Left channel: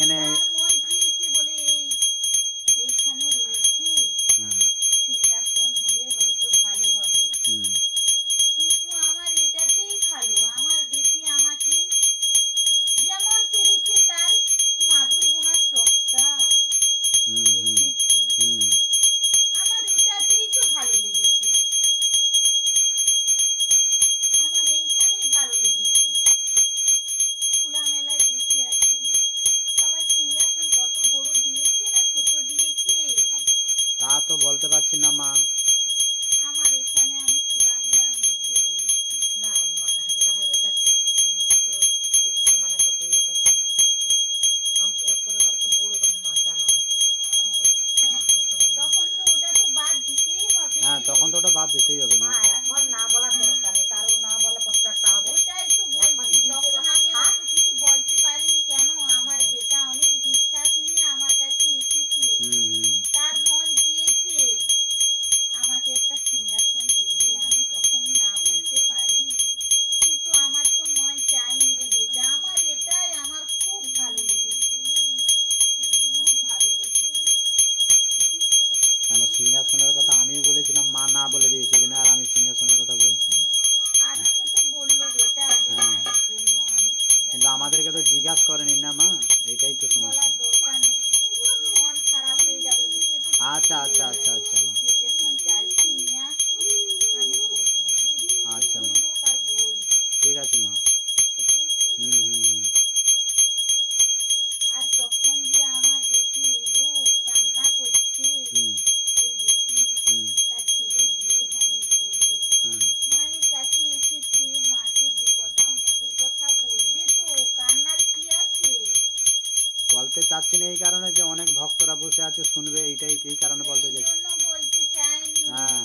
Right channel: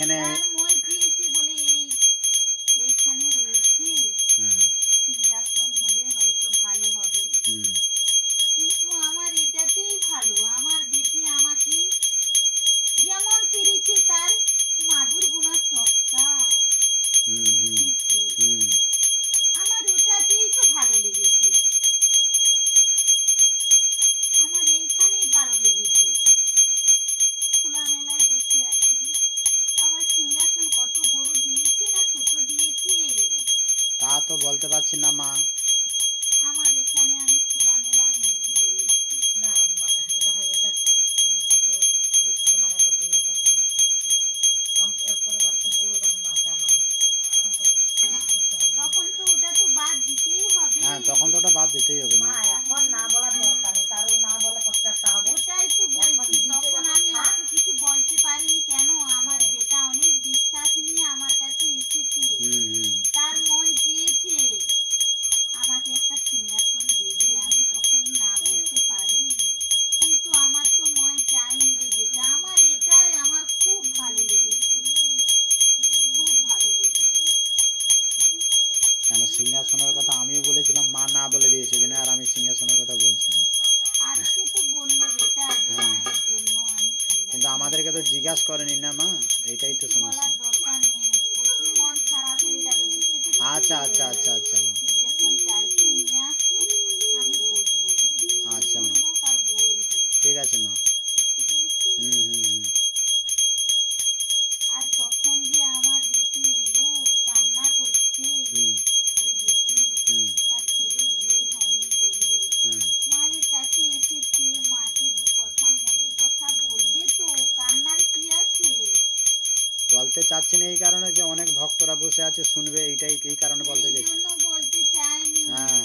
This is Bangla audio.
এইখানে মন চেয়েছে বলে এইখানে রয়েছে, সিংহাসন হবে হয়তো ভালো হবে, কিন্তু আমার এটাতেই ভালো। আমার বেটি আমাকে যেমন পেরেছে তার মাদুর বোনা চকটা রেখেছে, আমার ওটাতেই তো ভালো লেগেছে, আমার এইখানেই ভালো লেগেছে। খোলা মেলায় বসে আছি, আবার সিংহাসন কত বড় দিয়েছে না ছোট দিয়েছে তা তো বলতে পারছি না মা। আমার এখানে আমি খোলা মেলার মধ্যে রয়েছি। না এটা এটা ছোট দেখতে মানে ছোট এটা সিংহাসন এরপরে বার তো বড় তখন মাকে আনা হবে, তখন তো ওটা তো বাদ দিতেই হবে। হ্যাঁ তখন তো ওটা বাদ দিতেই হবে মা মা। এখন না বলার দরকার নেই, তারও না বলে কষ্ট একটা হবে। ওটাই তো বলছি, তখন আমি অত কিছু বলতে পারিনি কেন, আমার বেটা অনেক বিশ্বাস নিয়ে আমার কাছে এসেছে, তার মন চেয়েছে আমাকে একটা সিংহাসন দেবে, আমি তখন না বলতে পারি, কিন্তু আমার তো মন চাইনি রে বেটা, আমার এটাই আমার খুব ভালো লেগেছে, খুব ভালো লেগেছে। কেন সিংহাসনের কথা আমিও বলেছিলাম, মা না বলে দিয়েছে কিনা, আর আমি সিংহাসনের কথা বলছি। আজকে তো বললো বেটা যে মায়ের জন্য আমি কিন্তু আমাদেরকে তো জিজ্ঞাসা করেনি না মা, এইটাই তো সমস্যা। বলার দরকার নেই, প্রচুর মন খারাপ হয়ে যাবে, বুঝতে পেরেছিস? আচ্ছা আচ্ছা আচ্ছা আচ্ছা মা, তুই যখন চাইছি নিয়ে আসি আমি বসবো, আচ্ছা মা, হোক আর বই হোক, ঠিক আছে মা। বুঝতে পেরেছিস? আর তখন যে আমার বেটি এলো কান্না করছে, ওই বেটি তার ছেলে বিয়ে হয়নি বলে মায়ের কাছে এসেছে, মাকে দু কথা মনের কথা বলবে তো, কান্নার কি আছে? বলতে চাচ্ছি না এই কারণে যে অনেক ভক্তরা বসে আছে শুনবে, এইটাই এই কারণে বলতে চাইছি। এই জন্য বলতে চাইনি, হ্যাঁ